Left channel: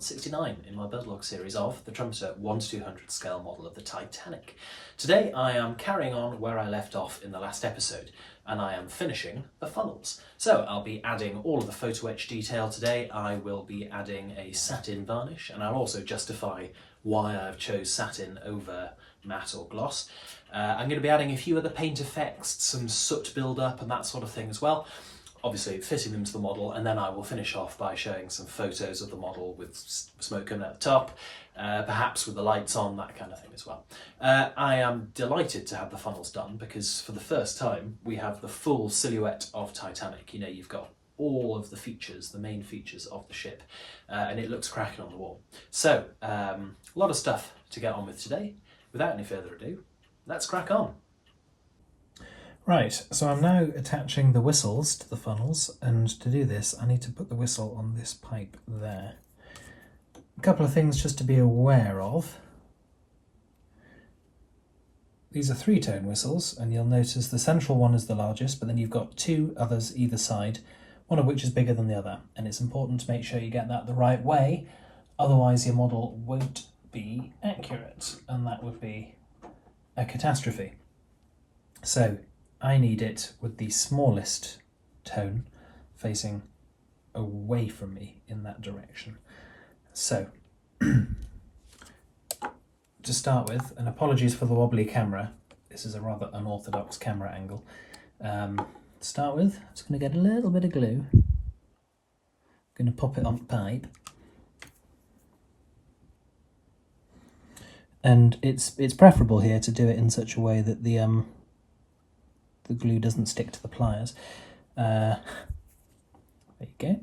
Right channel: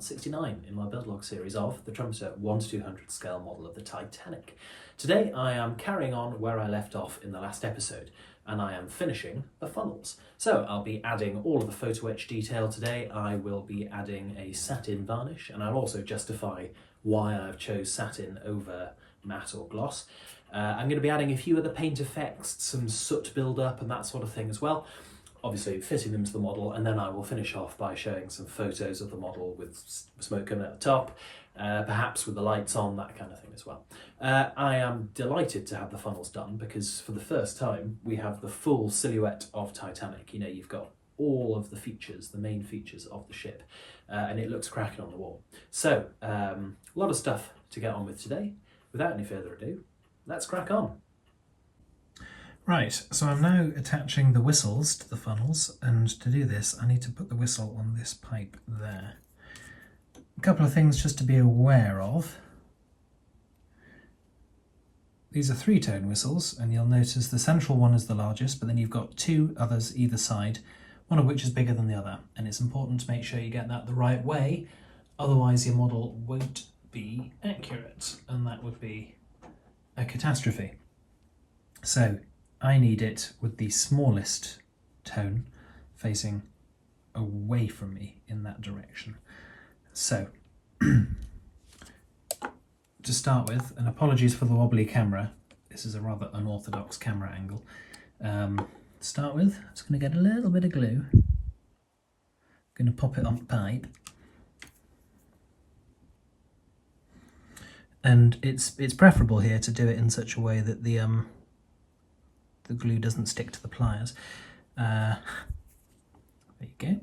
part 69 in my build log series of the Trumpeter 1:200 scale model of the Titanic. Today I am carrying on where I left off in the last episode, and I am finishing the funnels. So I'll be adding all of the photo etch detail today. I will be adding a satin varnish, and I'll also justify why I've chose satin over matte or gloss. I'm going to be adding a few other paint effects, some soot build-up and that sort of thing as well. Obviously fitting them to the model, and then I will finish off by showing some photos of the model with smoke coming out the top, perhaps with the lights on, that kind of thing as well. I am delighted to have the funnels done because for the first time we have the full silhouette of Titanic. You know, you've got all of the features, the main features of the ship, and it looks cracking on the wall. So a lot of stuff to get on with today. Without any further ado, let's crack on. Right, so I'm now attaching the whistles to the funnels, and to do this I need to put the whistle on this pipe there. A couple of things just to be aware of. These are 3-tone whistles, and you'll notice the central one is the largest, but then you've got 2 others either side, one of which is bigger than the other, and it's important to make sure you get that the right way, otherwise your model won't be accurate, and that would be a catastrophe. So I need it with the smallest tone facing away from me in that direction. So, to start with, and apologies for the wobbly camera, this is a rather unorthodox camera angle. To start with, I'm just going to get a little bit of glue. I'm going to pop it on the pipe. And it's preferable here to do it in such a way that the glue doesn't stick to the pliers. There you go.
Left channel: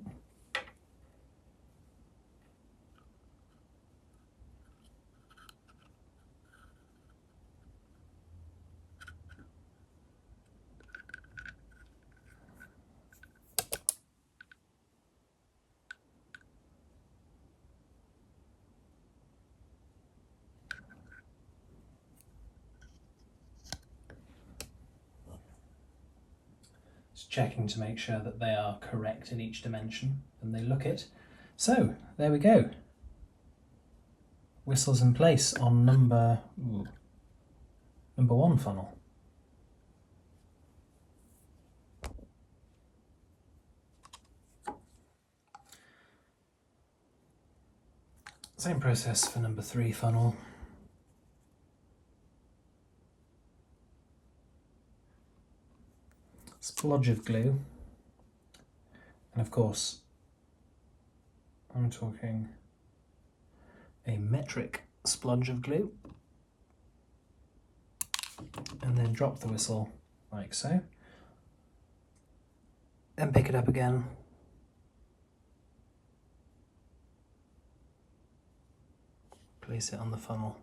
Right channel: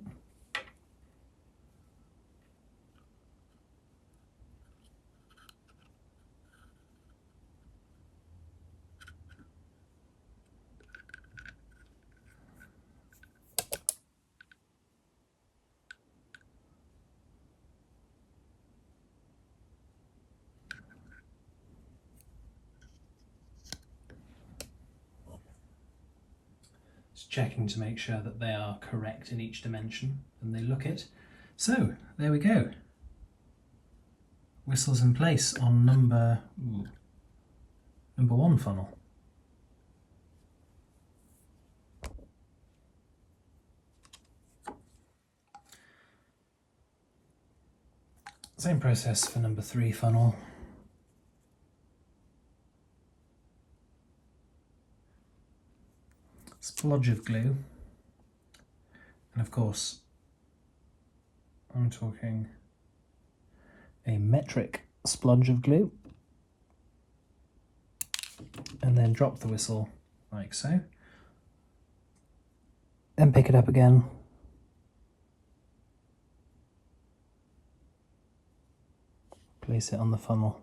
Checking to make sure that they are correct in each dimension, and they look it. So there we go. Whistles in place on number 1 funnel. Same process for number 3 funnel. Splodge of glue, and of course I'm talking a metric splodge of glue, and then drop the whistle like so, then pick it up again, place it on the funnel.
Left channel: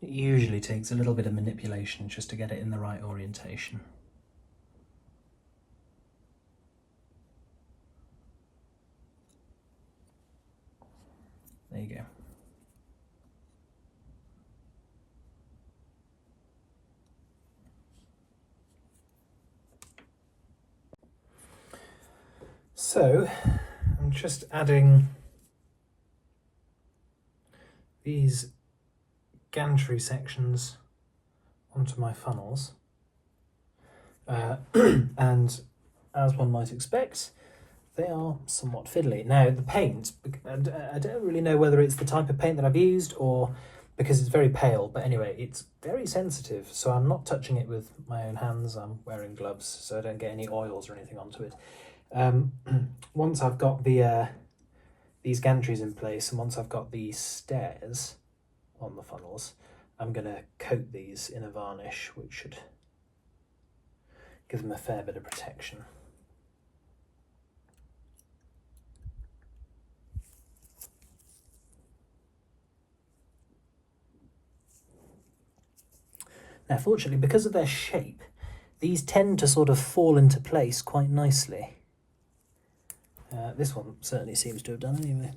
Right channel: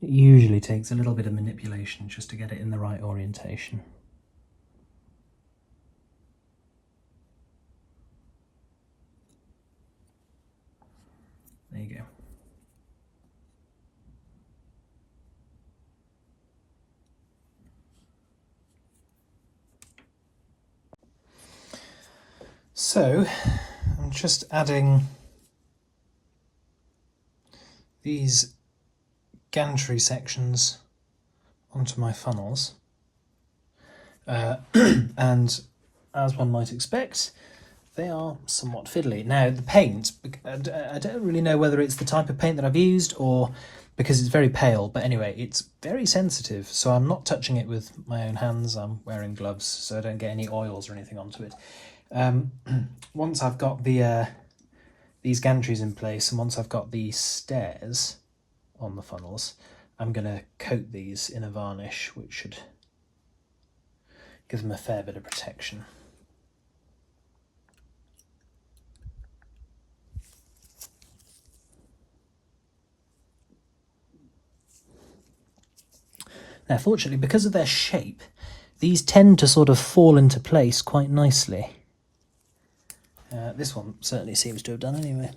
It usually takes a little bit of manipulation just to get it in the right orientation. There you go. So, I'm just adding these gantry sections onto my funnels, and as one might expect, they are somewhat fiddly. Now the paint, I don't really know whether it's the type of paint that I've used or because it's very pale, but anyway, it's very sensitive, so I'm not touching it with my own hands. I'm wearing gloves so I don't get any oils or anything onto it. Once I've got the these gantries in place, and once I've got the stairs on the funnels, I'm going to coat these in a varnish, which should give them a fair bit of protection. Now fortunately, because of their shape, these tend to sort of fall into place quite nicely. This one certainly seems to have done anyway.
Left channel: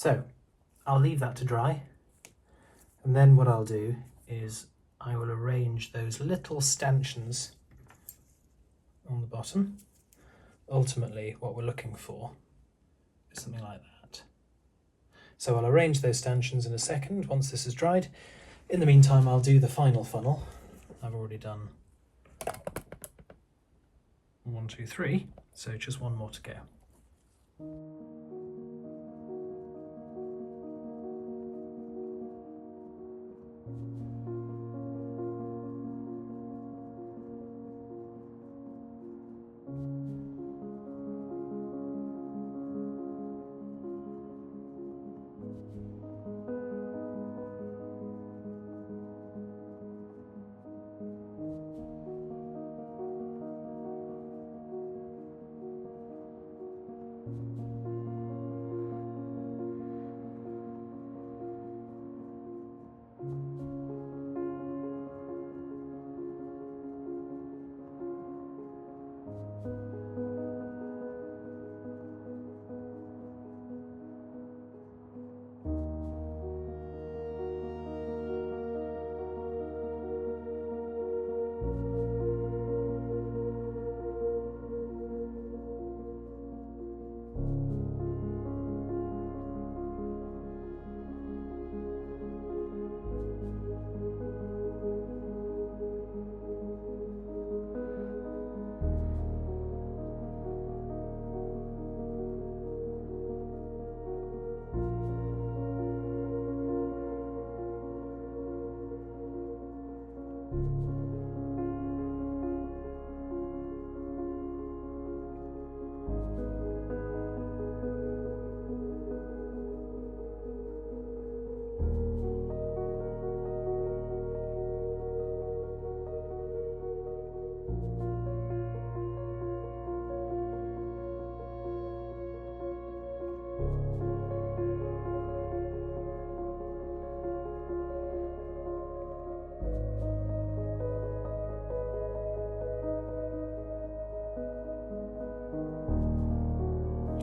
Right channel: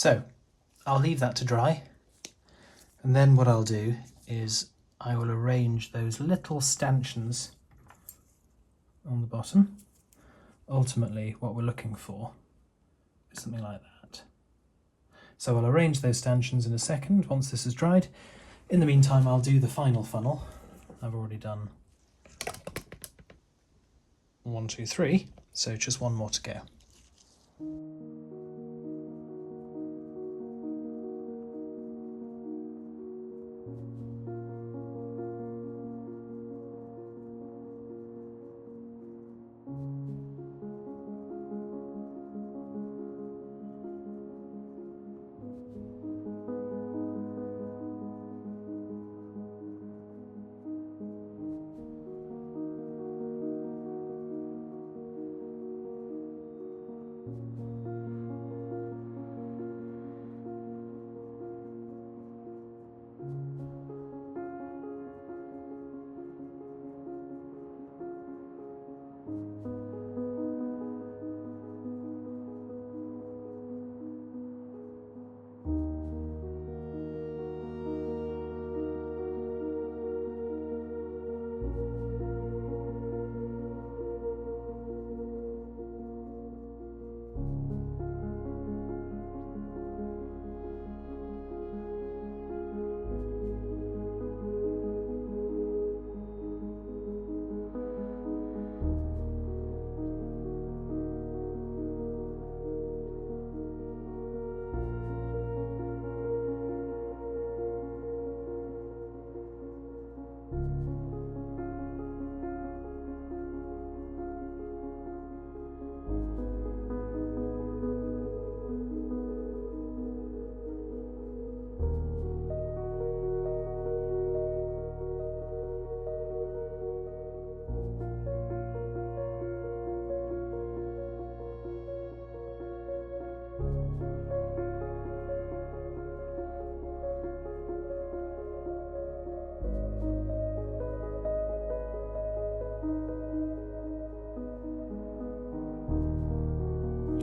So I'll leave that to dry, and then what I'll do is I will arrange those little stanchions on the bottom. Ultimately what we're looking for is something like that. So I'll arrange those stanchions in a second once this is dried. In the meantime, I'll do the final funnel. I've already done 1, 2, 3, so just one more to go.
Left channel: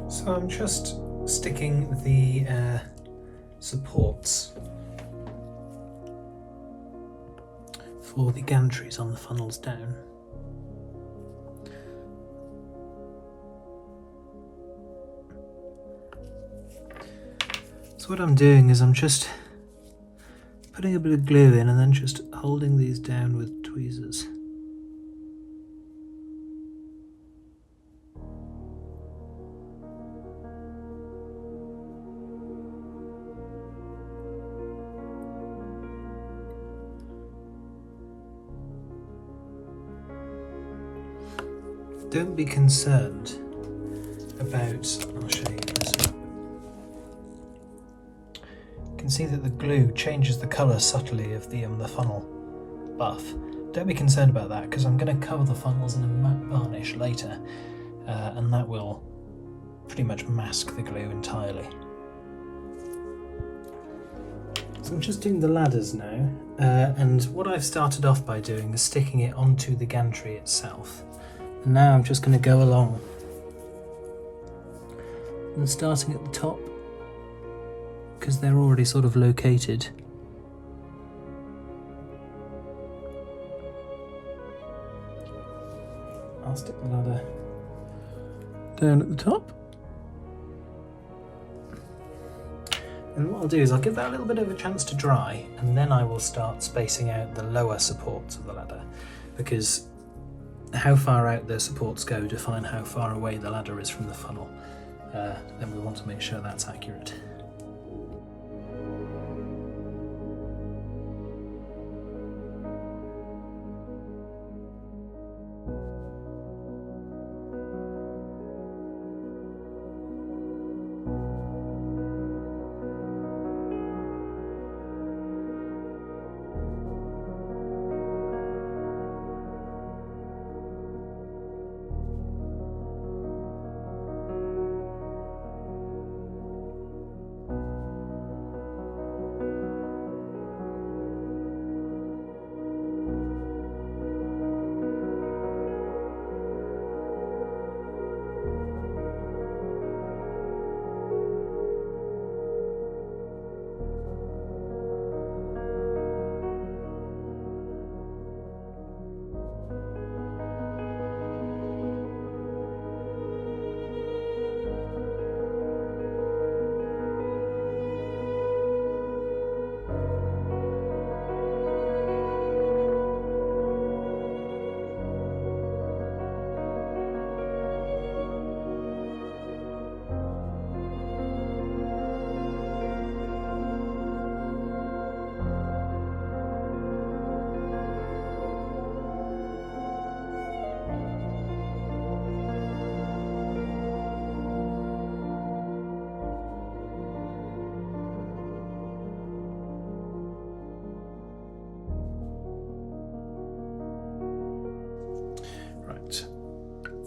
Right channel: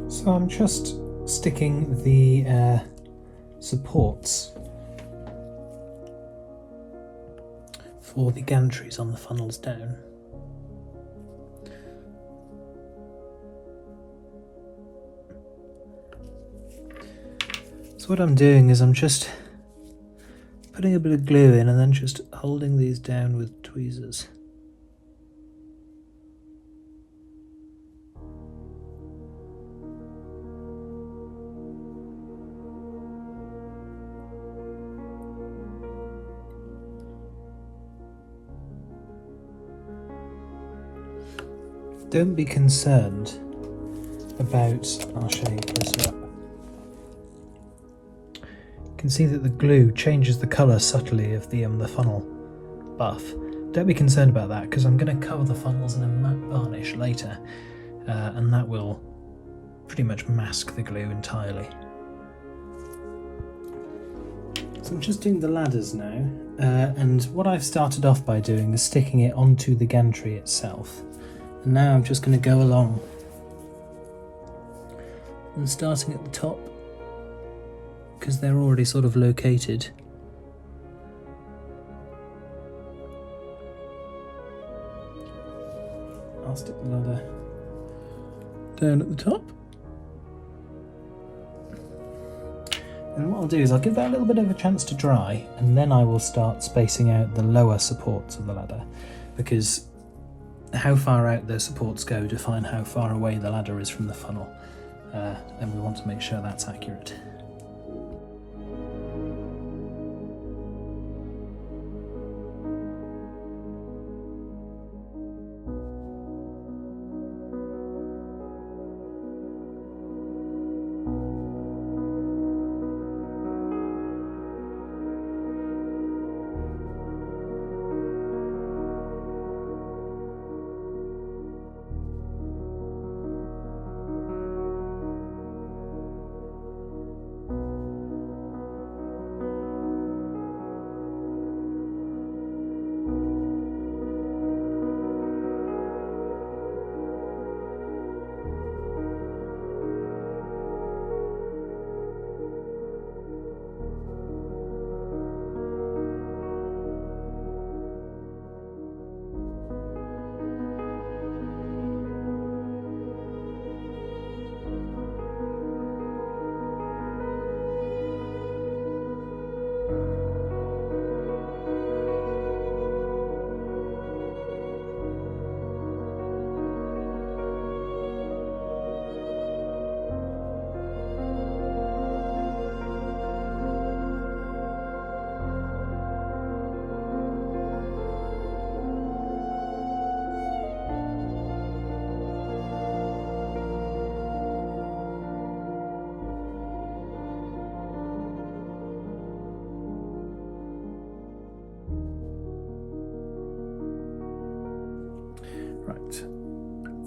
So I'm just sticking the supports for the gantries on the funnels down. So what I'm doing is I'm just putting a bit of glue in and then just holding these down with tweezers. Don't be concerned about, I'll show you closer up. You can see that the glue changes the colour subtly of the funnel buff. Don't be concerned about that because I'm going to cover the funnels in a matte varnish later, and that will pretty much mask the glue entirely. So I'm just doing the ladders now, and what I've started off by doing is sticking it onto the gantry itself. And now I'm just going to go along and starting at the top because they're already sort of located. I'll stick the ladder down at the top. And what I'll do is I'll give that a little bit of a chance to dry, and then I will start spacing out the lower supports of the ladder, because how far out those supports go define how far away the ladder is from the funnel, and we want to make sure that's accurate.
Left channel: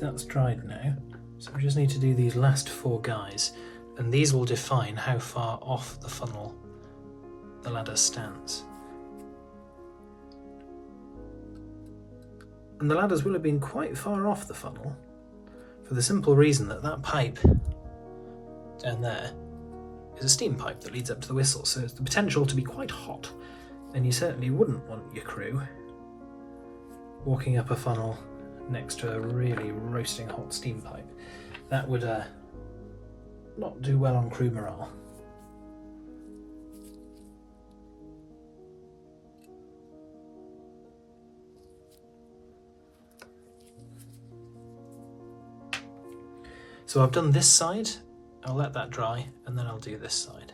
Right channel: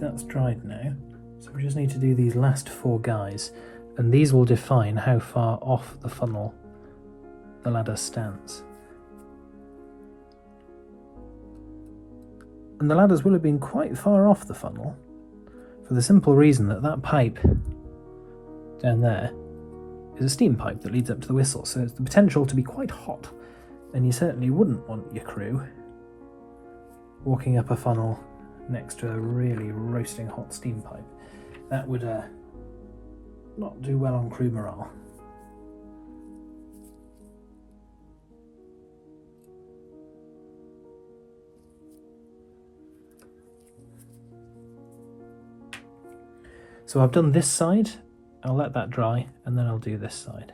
that's dried now. So we just need to do these last 4 guys, and these will define how far off the funnel the ladder stands. And the ladders will have been quite far off the funnel, for the simple reason that that pipe down there is a steam pipe that leads up to the whistle, so it's the potential to be quite hot, and you certainly wouldn't want your crew walking up a funnel next to a really roasting hot steam pipe. That would not do well on crew morale. So I've done this side, I'll let that dry, and then I'll do this side.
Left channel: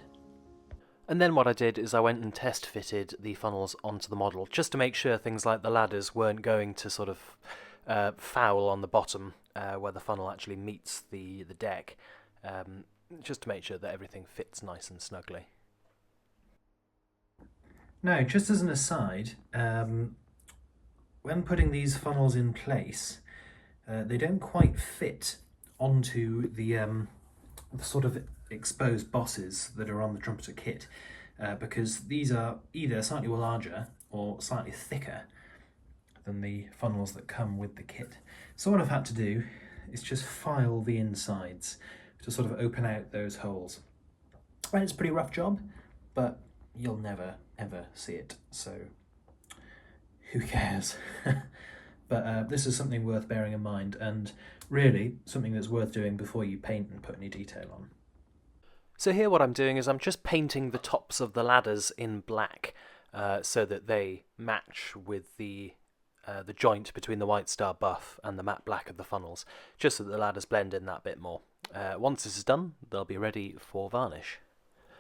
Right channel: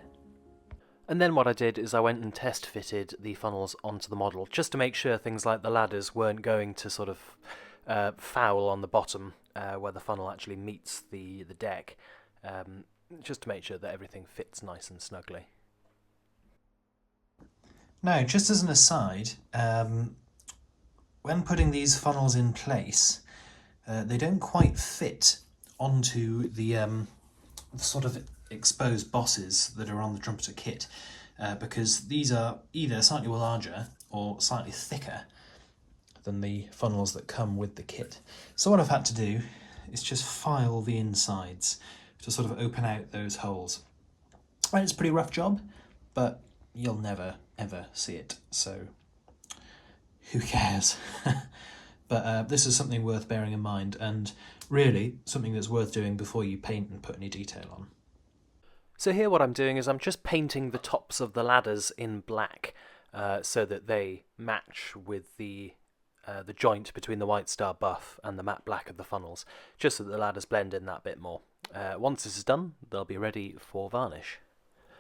And then what I did is I went and test fitted the funnels onto the model, just to make sure things like the ladders weren't going to sort of foul on the bottom where the funnel actually meets the deck, just to make sure that everything fits nice and snugly. Now, just as an aside, when putting these funnels in place, they don't quite fit onto the sort of exposed bosses that are on the Trumpeter kit, because these are either slightly larger or slightly thicker than the funnels that come with the kit. So what I've had to do is just file the insides to sort of open out those holes. And it's a pretty rough job, but you'll never ever see it, so who cares? But this is something worth bearing in mind, and really something that's worth doing before you paint and put any detail on. So here what I'm doing is I'm just painting the tops of the ladders in black, so that they match with the joint between the White Star buff and the matte black of the funnels, just so that the ladders blend in that bit more. Once this is done, they'll be ready for varnish.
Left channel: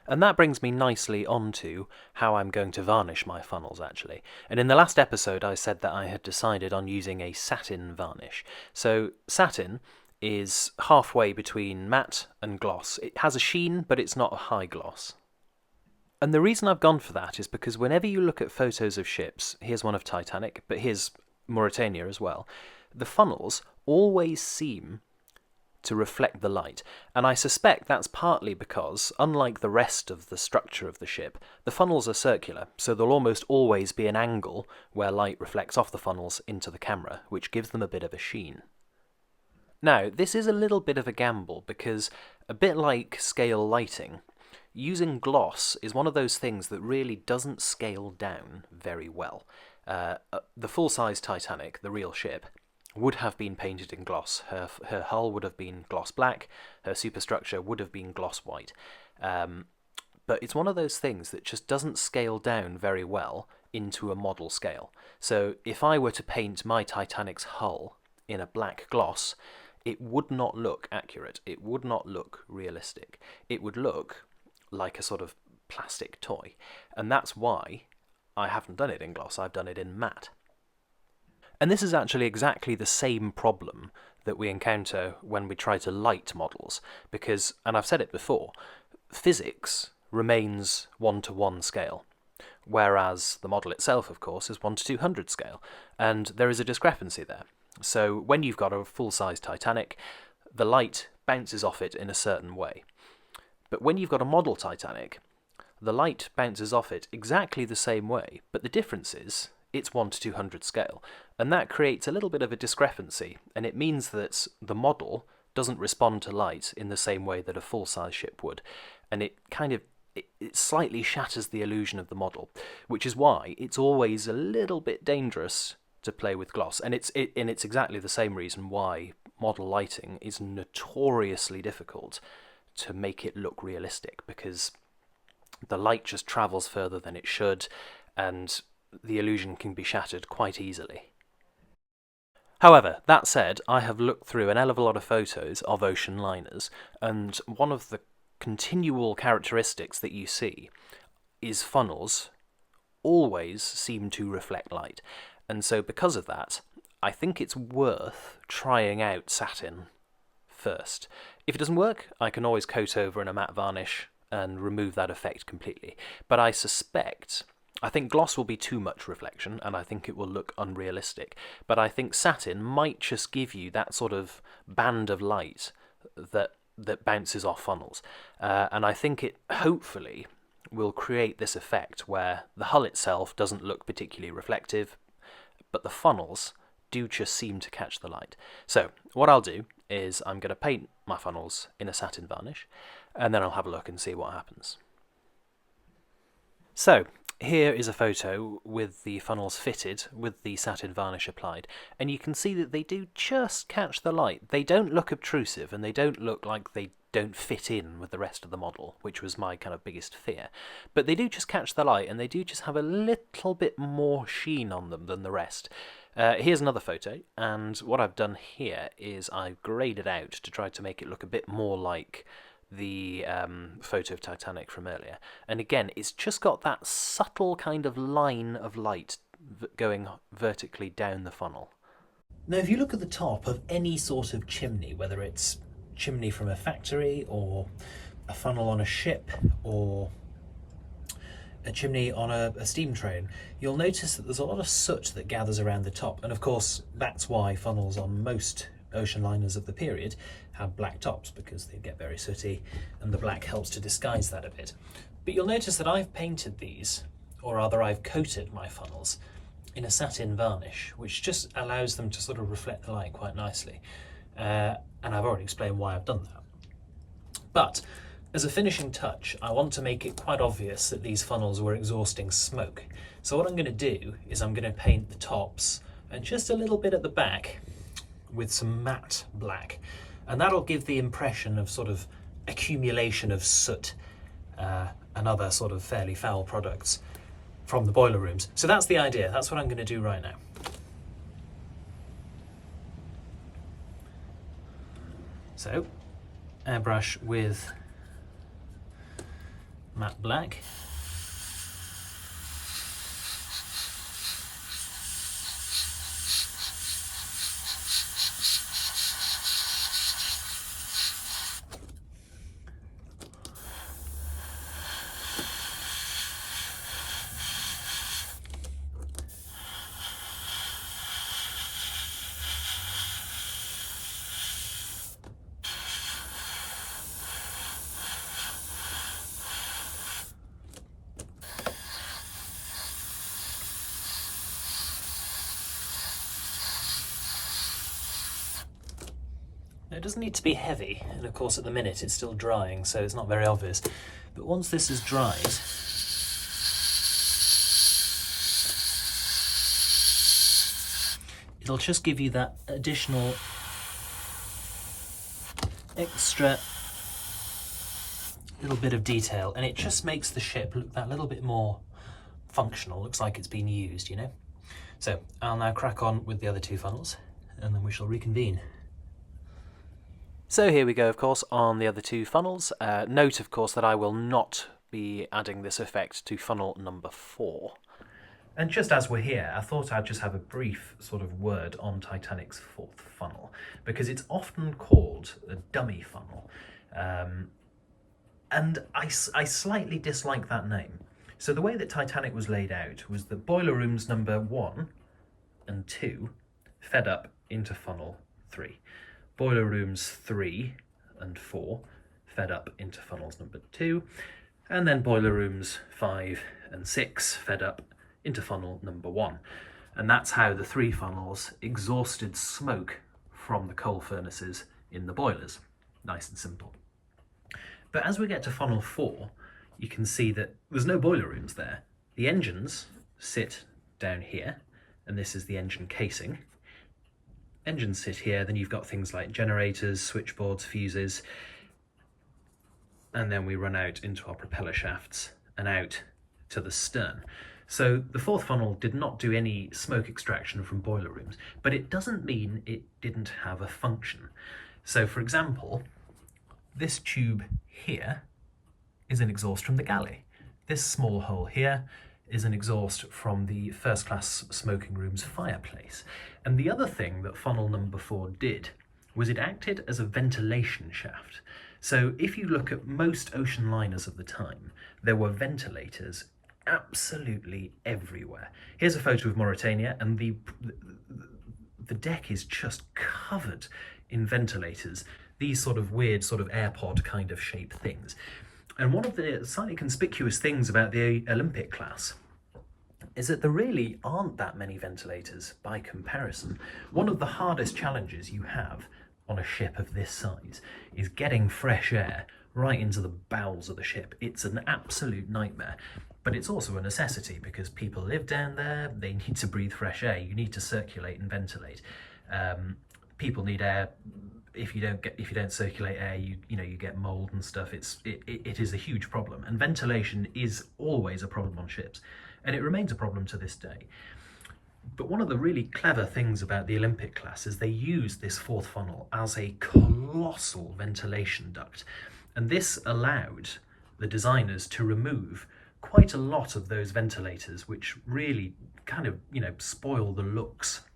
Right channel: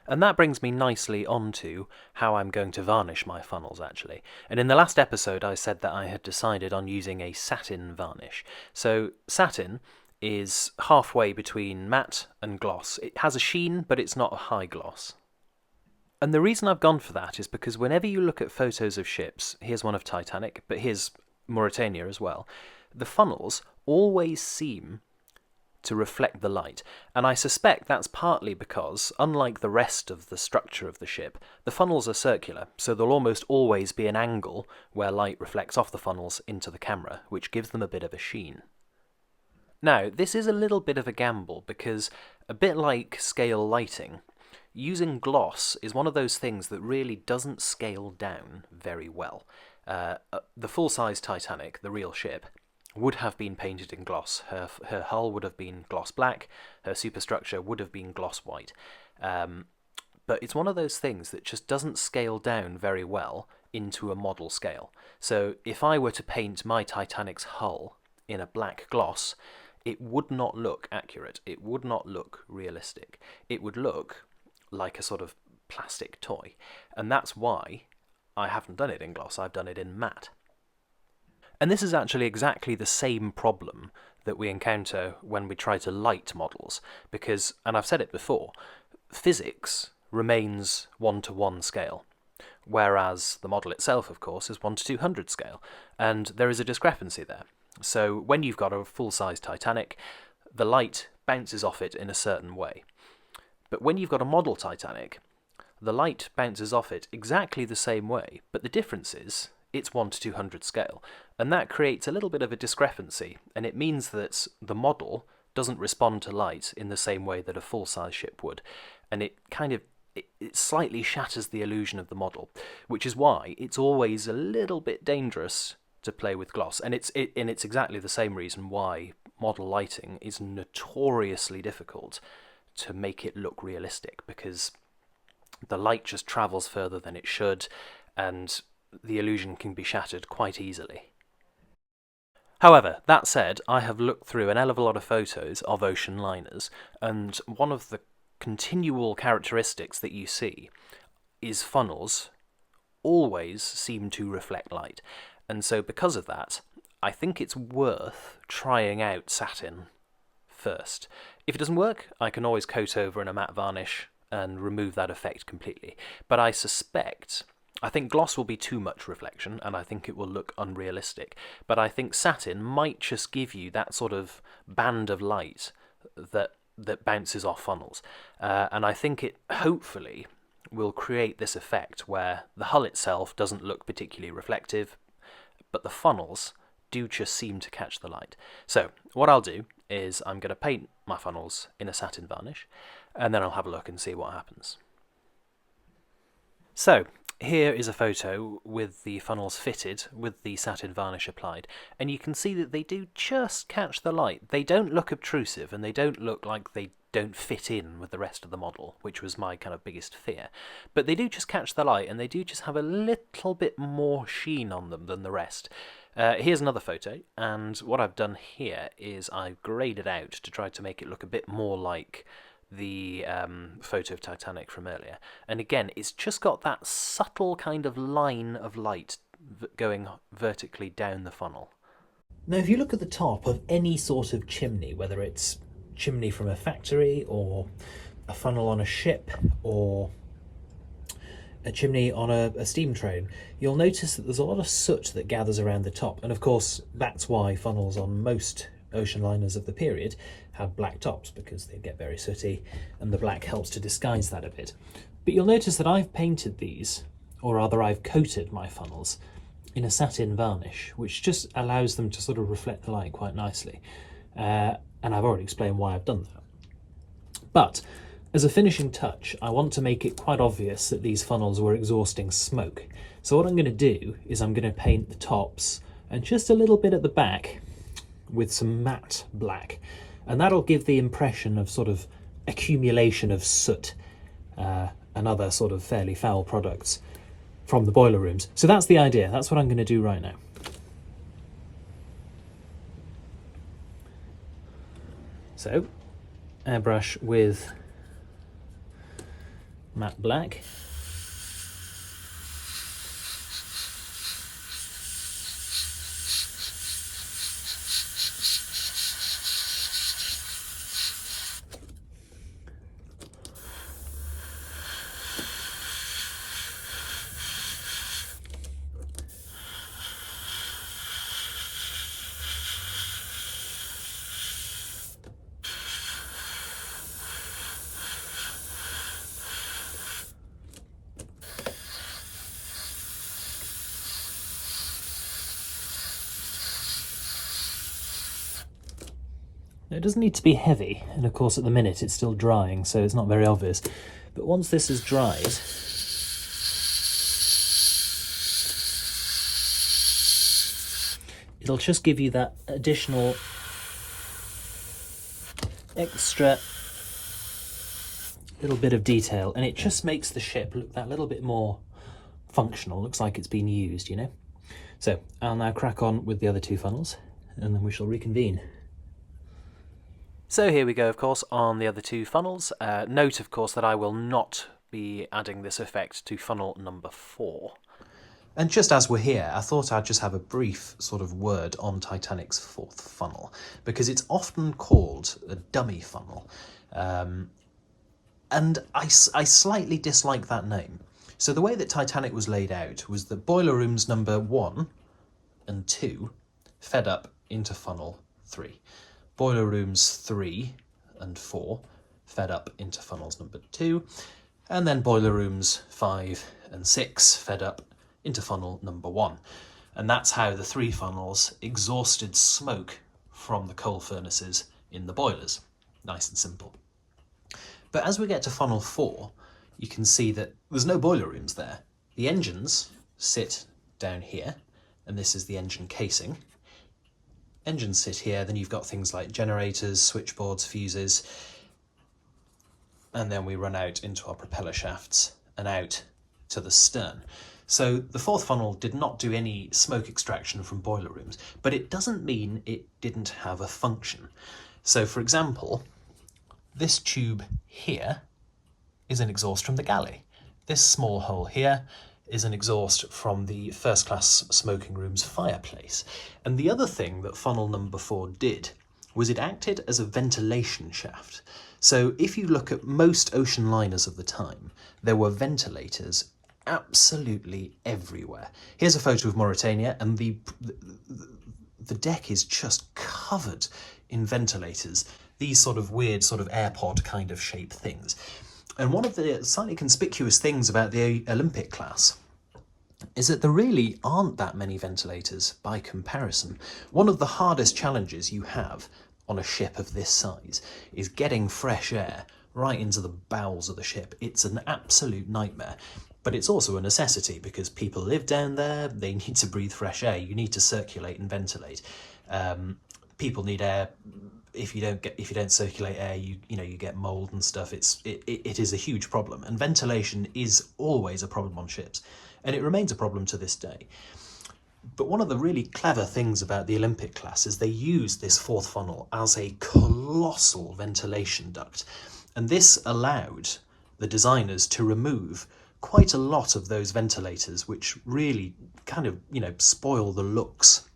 And that brings me nicely onto how I'm going to varnish my funnels, actually. And in the last episode I said that I had decided on using a satin varnish. So satin is halfway between matte and gloss. It has a sheen, but it's not a high gloss. And the reason I've gone for that is because whenever you look at photos of ships, here's one of Titanic, but here's Mauritania as well, the funnels always seem to reflect the light, and I suspect that's partly because, unlike the rest of the structure of the ship, the funnels are circular, so there'll almost always be an angle where light reflects off the funnels into the camera, which gives them a bit of a sheen. Now, this is a little bit of a gamble, because a bit like scale lighting, using gloss is one of those things that really doesn't scale down very well. The full-size Titanic, the real ship, would have been painted in gloss. Her hull would have been gloss black, her superstructure would have been gloss white. But it's one of those things that just doesn't scale down very well into a model scale. So if I were to paint my Titanic's hull in a black gloss, it would not look accurate. It would not look realistic. It would look like a sort of plastic toy. And that's why I haven't done it in gloss, I've done it in matte. And this is actually exactly the same problem that we encounter when we try to light models, because, and I've said it before, physics remains 1:1 scale, whereas the model itself, of course, is 1:200 scale, and there is a discrepancy there. So when you've got a full-size Titanic, the light bounces off it in a certain way. But when you've got a model Titanic, the light bounces off it exactly the same way, but the difference is it's 1:200 scale, and that creates a little bit of a discrepancy, and it means that the model doesn't respond to light in the same way that a full-size ship would, and it slightly shatters the illusion of the model, which is why it's always a little bit dangerous to play with gloss, and it's exactly the same reason why model lighting is notoriously difficult to make it look realistic, because the light just travels further than it should, and the illusion can be shattered quite easily. However, that said, I have looked through an hell of a lot of photos of ocean liners, and one of the continual characteristics that you see is funnels always seem to reflect light. And so because of that, I think it's worth trying out satin first. If it doesn't work, I can always coat over in a matte varnish and remove that effect completely. But I suspect I think gloss will be too much reflection, and I think it will look unrealistic. But I think satin might just give you that sort of band of light that bounces off funnels. And I think it hopefully will create this effect where the hull itself doesn't look particularly reflective, but the funnels do just seem to catch the light. So what I'll do is I'm going to paint my funnels in a satin varnish, and then I'll have a look and see what happens. So here is a photo with the funnels fitted with the satin varnish applied, and you can see that they do just catch the light. They don't look obtrusive, and they don't look like they don't fit in with the rest of the model, which was my kind of biggest fear. But they do just catch the light, and they do just have a little bit more sheen on them than the rest. Here's another photo, and what I've done here is I've graded out to try to make it look a bit more like the photo of Titanic from earlier. And again, it's just got that subtle kind of line of light going vertically down the funnel. Now, if you look at the top of any sort of chimney, whether it's chimney from a factory or a funnel on a ship or a chimney on a steam train, you'll notice that there's a lot of soot that gathers around the top. And of course, that's why funnels on most ocean liners of the period have black tops, because they get very sooty and the black helps to disguise that a bit. But you'll notice that I've painted these, or rather I've coated my funnels in a satin varnish, which just allows them to sort of reflect the light quite nicely. And I've already explained why I've done that. But as a finishing touch, I want to make it quite obvious that these funnels were exhausting smoke. So what I'm going to do is I'm going to paint the tops and just a little bit at the back with some matte black, and that'll give the impression of sort of accumulation of soot and other sort of fairly foul products from the boiler rooms. So that's the idea. That's what I'm going to do right now. So airbrush with matte black. Now, it doesn't need to be heavy, and of course at the minute it's still drying, so it's not very obvious. But once this is dried, it'll just give you that additional extra little bit of detail, and it just makes the ship look that little bit more functional. Looks like it's been used, you know. So I'll now crack on with the other two funnels, and then we shall reconvene. So here we go, of course, on the other two funnels. Note, of course, that I will not be adding this effect to funnel number 4. And just as we're here, I thought I'd just have a brief sort of word on Titanic's 4th funnel, because it's often called a dummy funnel. And I slightly dislike that name. So the way that Titanic was laid out was that boiler rooms number 1 and 2 fed up into funnel 3. Boiler rooms 3 and 4 fed up into funnels number 2, and then boiler rooms 5 and 6 fed up into funnel number 1. And that's how the 3 funnels exhausted smoke from the coal furnaces in the boilers. Nice and simple. But as we get to funnel 4, you can see that there's no boiler rooms there. The engines sit down here, and this is the engine casing. Engines sit here, then you've got things like generators, switchboards, fuses, and then we run out into our propeller shafts and out to the stern. So the 4th funnel did not do any smoke extraction from boiler rooms, but it doesn't mean it didn't have a function. So for example, this tube here is an exhaust from the galley. This small hole here is an exhaust from the first class smoking room's fireplace. And the other thing that funnel number 4 did was it acted as a ventilation shaft. So if you look at most ocean liners of the time, there were ventilators absolutely everywhere. Here's a photo of Mauritania, and the deck is just covered in ventilators, these sort of weird sort of AirPod kind of shape things. And one of the slightly conspicuous things about the Olympic class is that there really aren't that many ventilators by comparison. One of the hardest challenges you have on a ship of this size is getting fresh air right into the bowels of the ship. It's an absolute nightmare, but it's also a necessity because people live down there, they need to breathe fresh air, you need to circulate and ventilate. People need air. If you don't circulate air, you get mold and stuff. It is a huge problem, and ventilation is always a problem on ships, and it remains a problem to this day. But one of the really clever things about the Olympic class is they use this fourth funnel as a colossal ventilation duct, and this allowed the designers to remove quite a lot of those ventilators, which really kind of spoil the looks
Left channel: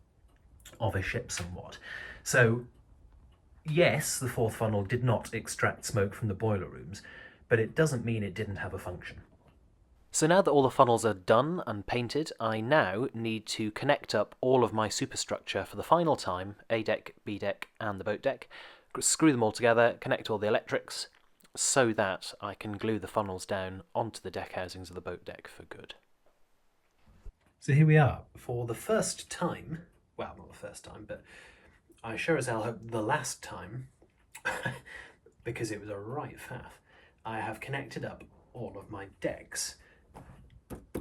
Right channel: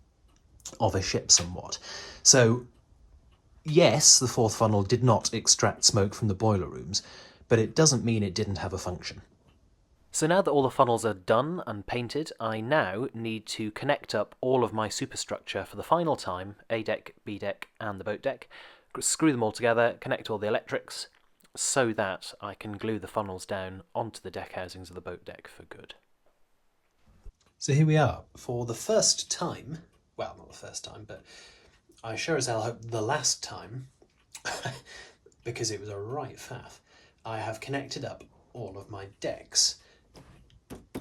of a ship somewhat. So yes, the fourth funnel did not extract smoke from the boiler rooms, but it doesn't mean it didn't have a function. So now that all the funnels are done and painted, I now need to connect up all of my superstructure for the final time, A deck, B deck and the boat deck, screw them all together, connect all the electrics, so that I can glue the funnels down onto the deck housings of the boat deck for good. So here we are, for the first time, well, not the first time, but I sure as hell hope the last time, because it was a right faff, I have connected up all of my decks.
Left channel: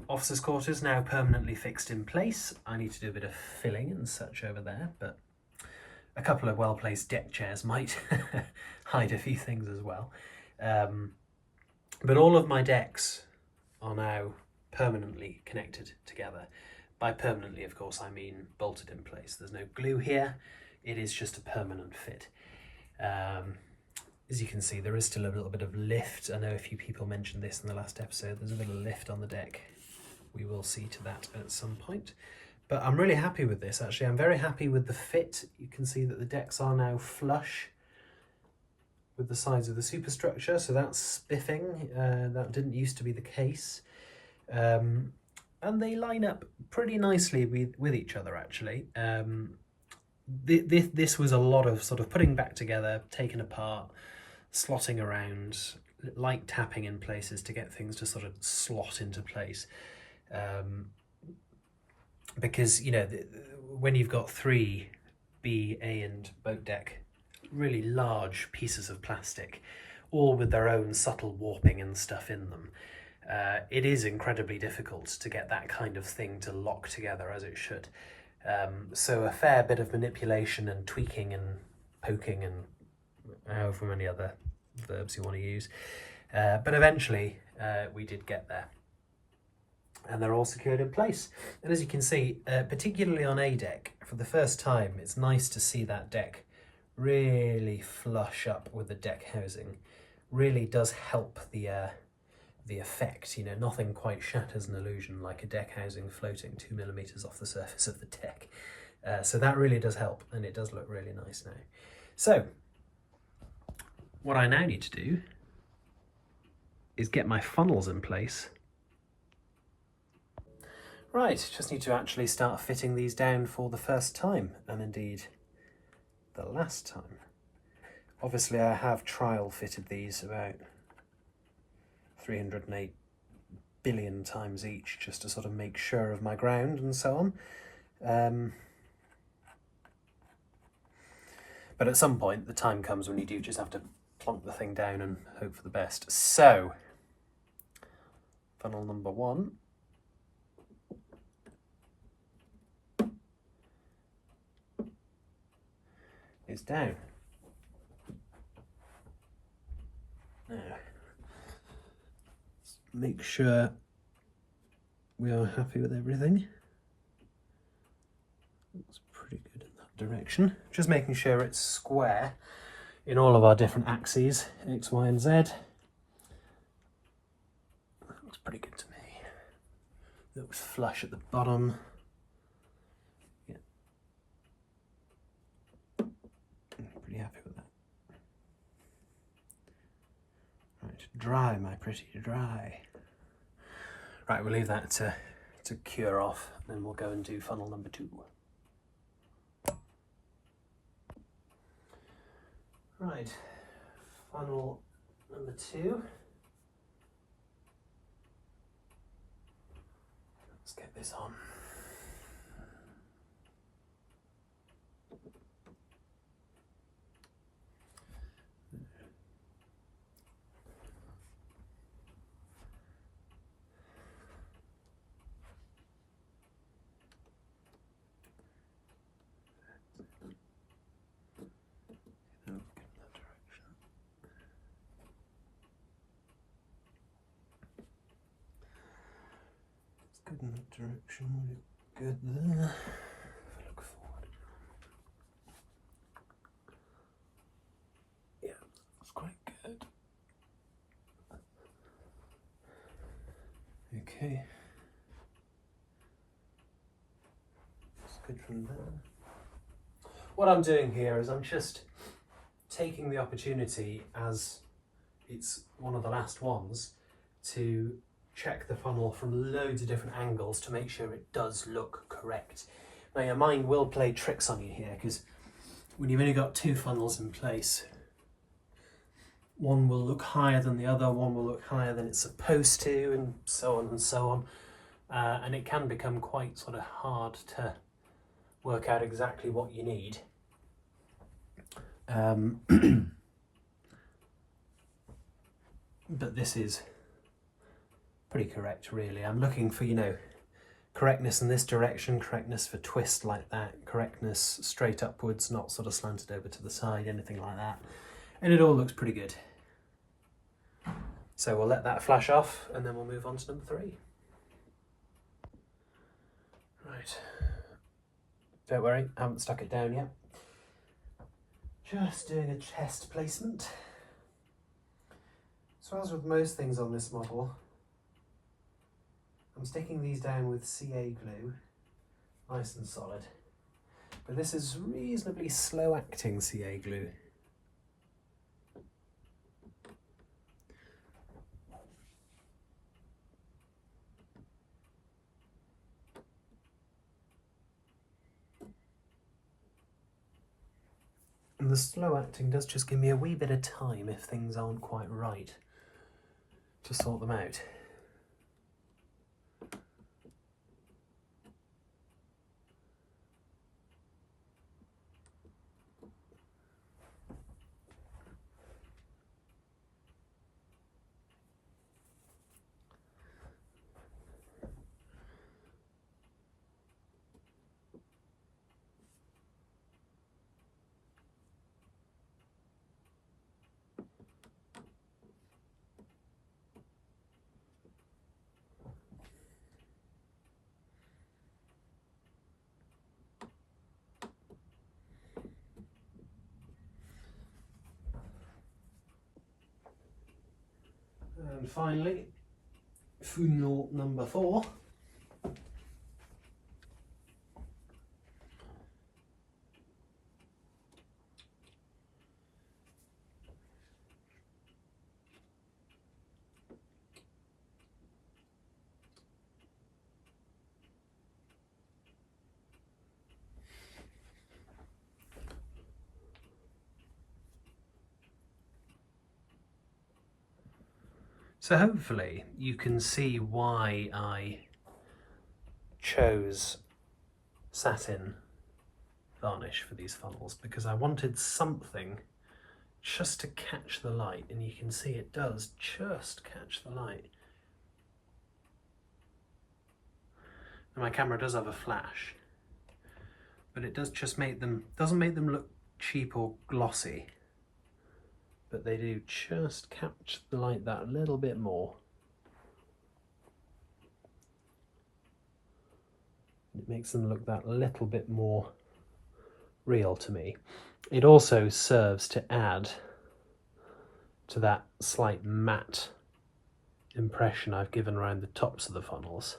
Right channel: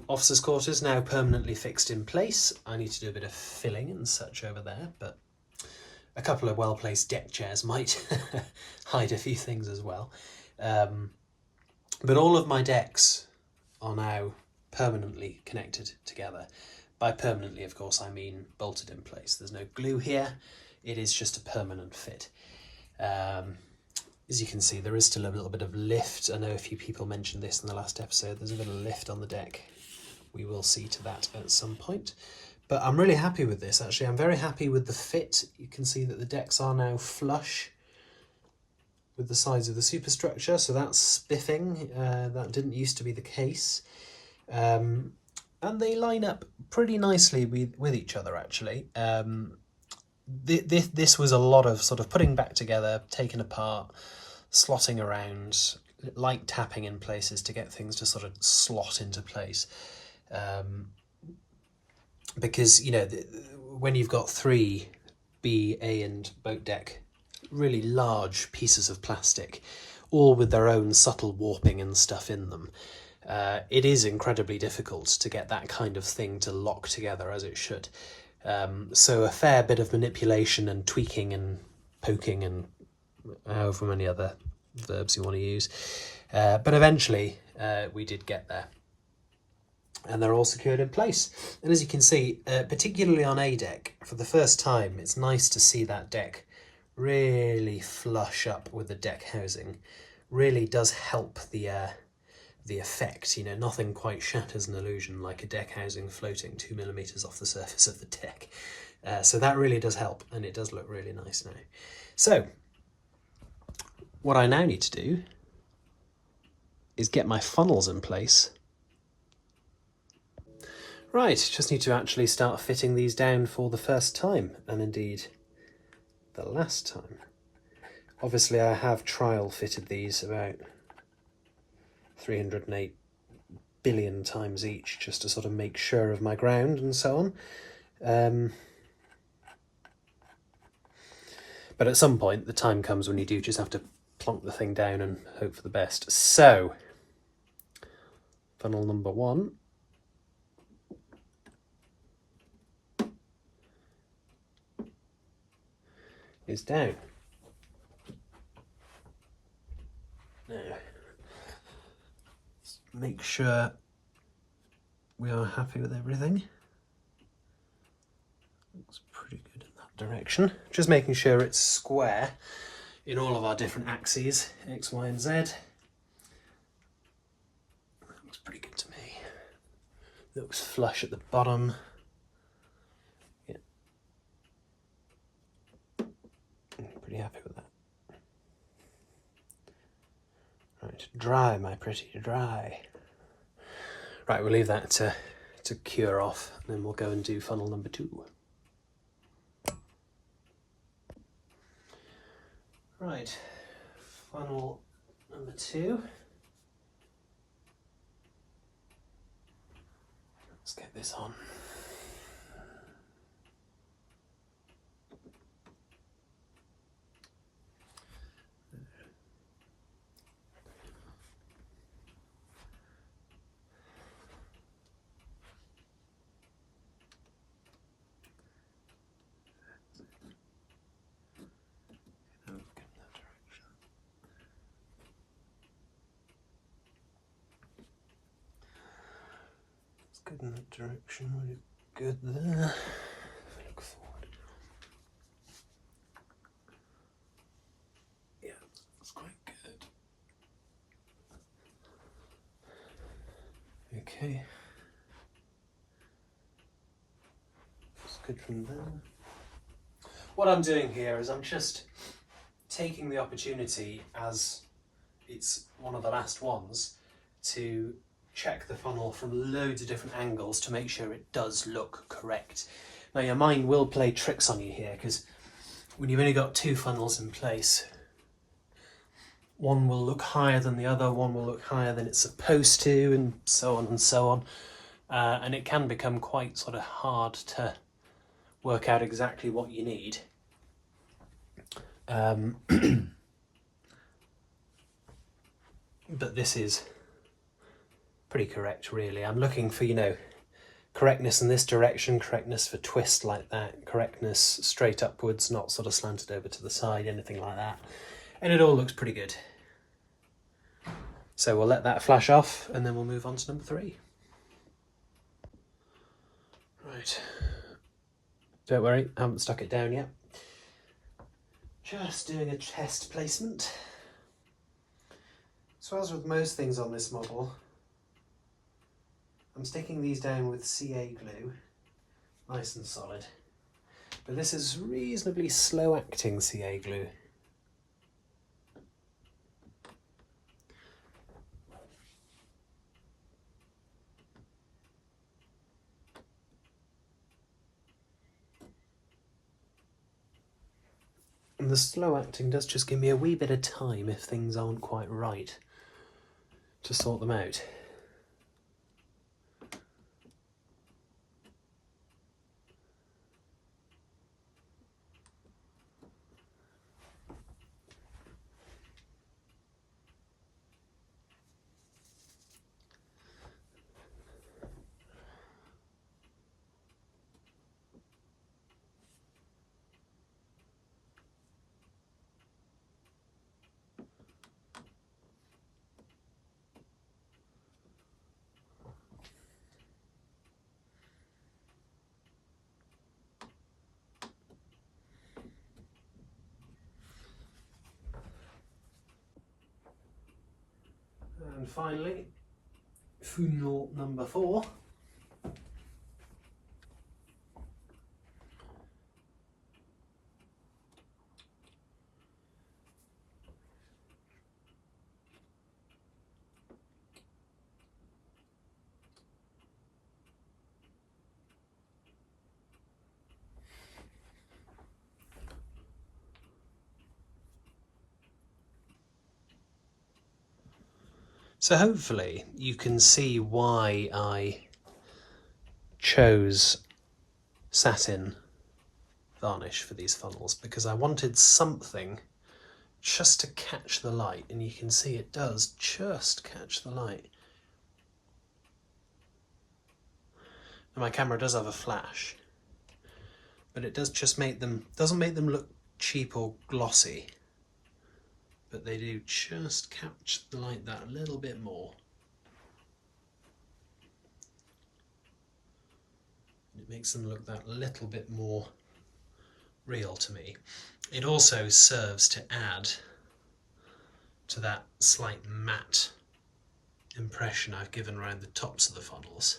Officers' quarters now permanently fixed in place. I need to do a bit of filling and such over there, but a couple of well-placed deck chairs might hide a few things as well. But all of my decks are now permanently connected together. By permanently, of course, I mean bolted in place. There's no glue here. It is just a permanent fit. As you can see, there is still a little bit of lift. I know a few people mentioned this in the last episode. There's a bit of lift on the deck. We will see to that at some point. But I'm really happy with this, actually. I'm very happy with the fit. You can see that the decks are now flush with the sides of the superstructure, so that's spiffing. That didn't used to be the case. And they line up pretty nicely with each other, actually. This was a lot of sort of putting back together, taking apart, slotting around, light tapping in places to get things to sort of slot into place. Because, when you've got 3 B, A and boat deck, really large pieces of plastic, all with their own subtle warping and stuff in them, it is incredibly difficult to get that kind of thing to lock together as it should. So a fair bit of manipulation and tweaking and poking and however many other verbs you want to use. But eventually we did get there. And they're all secured in place. And as you can see, particularly on A deck, for the first time, it's nice to see that deck really flush up with the deck housing. Really does help the effect. Nothing quite shatters an illusion like a deck housing floating 2 millimeters off the surface of the deck. So that really does help, and it does look really nice now. So what I now need to do is get my funnels in place. Right, just need to actually start fitting these down for the first time, and indeed the last time. Obviously I have trial fitted these about 308 billion times each, just to sort of make sure of my ground and so on. But at some point the time comes when you do just have to plonk the thing down and hope for the best. So, funnel number 1. Is down. Now, let's make sure we are happy with everything. Looks pretty good in that direction. Just making sure it's square in all of our different axes, X, Y and Z. Looks pretty good to me. Looks flush at the bottom. Pretty happy with that. Right, dry, my pretty, dry. Right, we'll leave that to cure off, and then we'll go and do funnel number 2. Right, funnel number 2. Let's get this on. Good in that direction, we're good there. Look forward. Yeah, that's quite good. Okay. It's good from there. What I'm doing here is I'm just taking the opportunity, as it's one of the last ones, to check the funnel from loads of different angles to make sure it does look correct. Now your mind will play tricks on you here, because when you've only got 2 funnels in place, one will look higher than the other, one will look higher than it's supposed to, and so on and so on. And it can become quite sort of hard to work out exactly what you need. But this is pretty correct, really. I'm looking for, correctness in this direction, correctness for twist like that, correctness straight upwards, not sort of slanted over to the side, anything like that. And it all looks pretty good. So we'll let that flash off, and then we'll move on to number 3. Right. Don't worry, I haven't stuck it down yet. Just doing a test placement. So as with most things on this model, I'm sticking these down with CA glue, nice and solid. But this is reasonably slow acting CA glue. And the slow acting does just give me a wee bit of time if things aren't quite right to sort them out. And finally, funnel number 4. So hopefully you can see why I chose satin varnish for these funnels, because I wanted something just to catch the light, and you can see it does just catch the light. And my camera does have a flash, but it does just doesn't make them look cheap or glossy, but they do just catch the light that little bit more. It makes them look that little bit more real to me. It also serves to add to that slight matte impression I've given around the tops of the funnels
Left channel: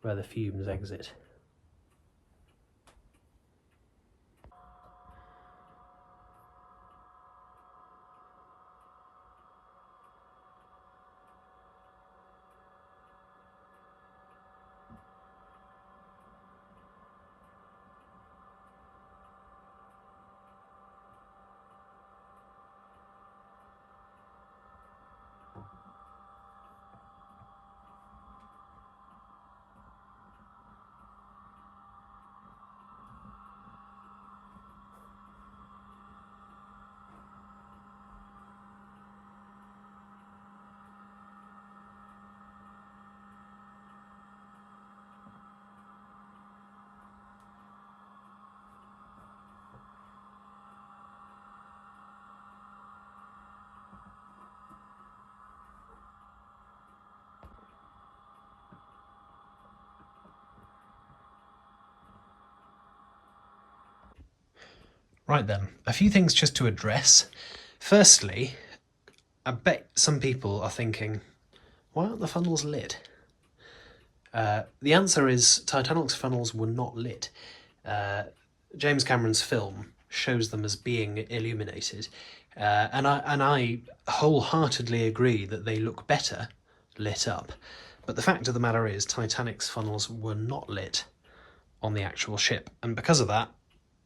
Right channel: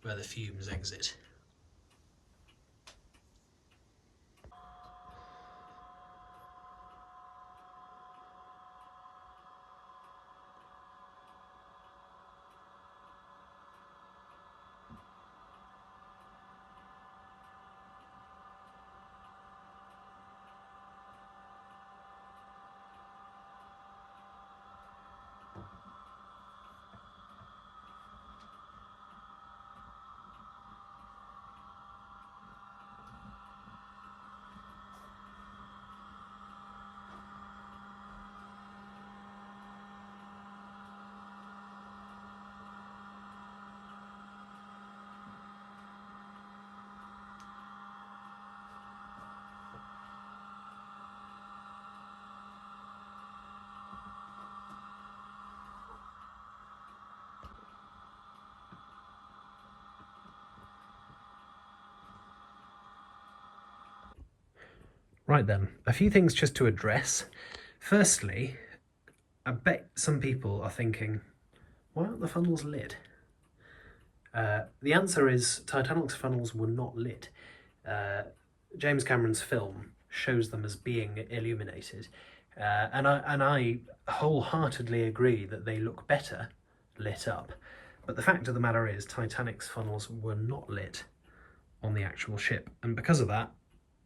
where the fumes exit. Right then, a few things just to address. Firstly, I bet some people are thinking, why aren't the funnels lit? The answer is Titanic's funnels were not lit. James Cameron's film shows them as being illuminated, and I wholeheartedly agree that they look better lit up. But the fact of the matter is Titanic's funnels were not lit on the actual ship, and because of that,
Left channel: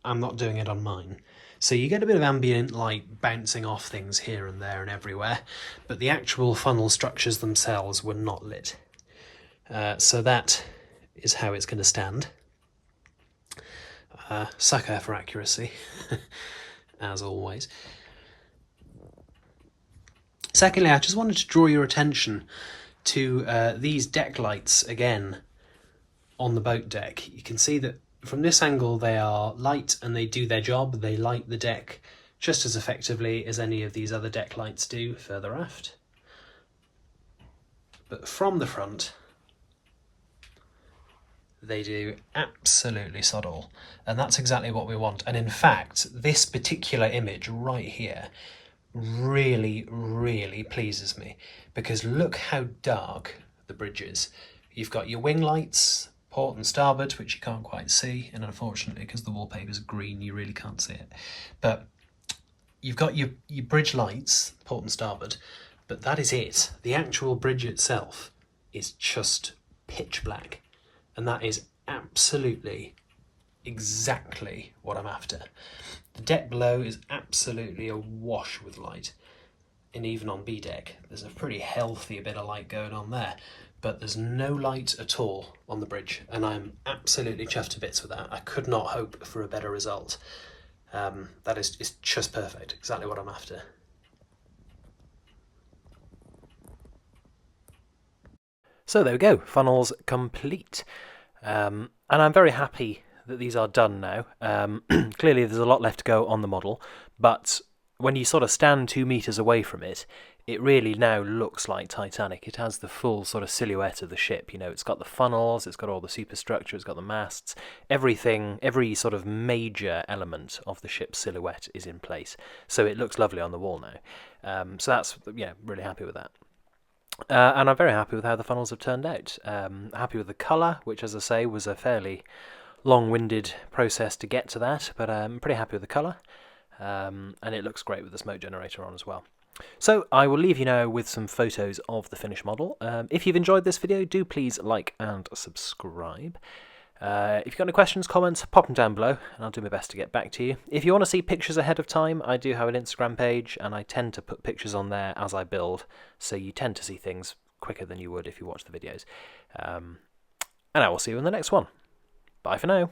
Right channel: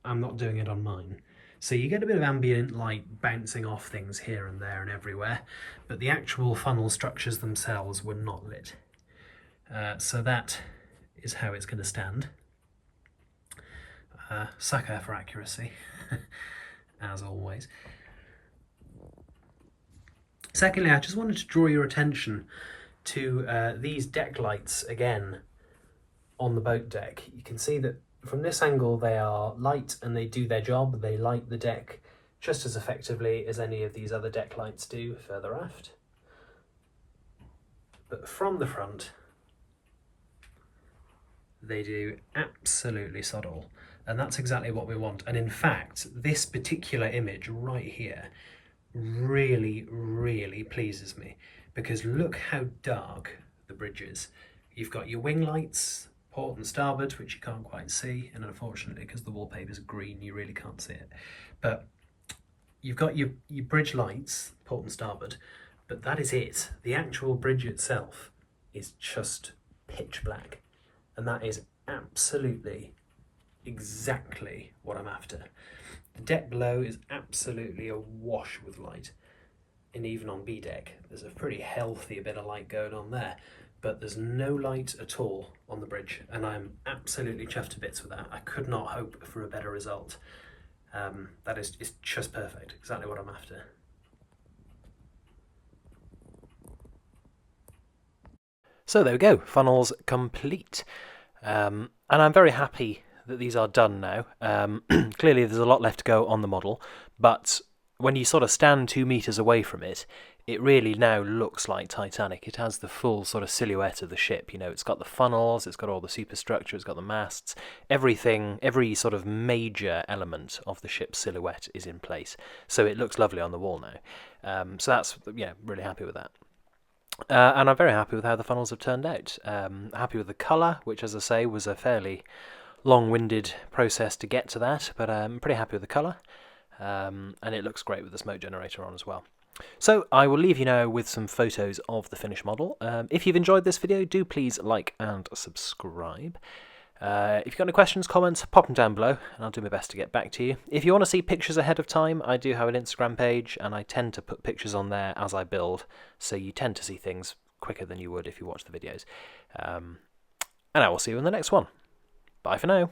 I'm not doing it on mine. So you get a bit of ambient light bouncing off things here and there and everywhere, but the actual funnel structures themselves were not lit. So that is how it's going to stand. Sucker for accuracy, as always. Secondly, I just wanted to draw your attention to these deck lights again on the boat deck. You can see that from this angle they are light and they do their job. They light the deck just as effectively as any of these other deck lights do further aft. But from the front, they do absolutely sod all. And that's exactly what we want. And in fact, this particular image right here really, really pleases me, because look how dark the bridge is. You've got your wing lights, port and starboard, which you can't quite see, and unfortunately because the wallpaper's green you really can't see it. But you've got your bridge lights, port and starboard, but that is it. The actual bridge itself is just pitch black, and that is absolutely exactly what I'm after. The deck below is absolutely awash with light, and even on B deck there's a pretty healthy bit of light going on there, but there's no light at all on the bridge, and I'm absolutely chuffed to bits with that. I could not hope for a better result. That is just perfect, exactly what I'm after. So there we go, funnels complete. And I'm very happy that these are done now. Clearly there's a lot left to go on the model, but when you sort of stand 2 meters away from it, it really now looks like Titanic. It has the full sort of silhouette of the ship. You know, it's got the funnels, it's got all the superstructure, it's got the masts, everything, every sort of major element of the ship's silhouette is in place. So it looks lovely on the wall now. So that's, yeah, really happy with that. And I'm very happy with how the funnels have turned out. Happy with the colour, which, as I say, was a fairly long-winded process to get to that, but I'm pretty happy with the colour. And it looks great with the smoke generator on as well. So I will leave you now with some photos of the finished model. If you've enjoyed this video, do please like and subscribe. If you've got any questions, comments, pop them down below, and I'll do my best to get back to you. If you want to see pictures ahead of time, I do have an Instagram page, and I tend to put pictures on there as I build, so you tend to see things quicker than you would if you watch the videos. And I will see you in the next one. Bye for now.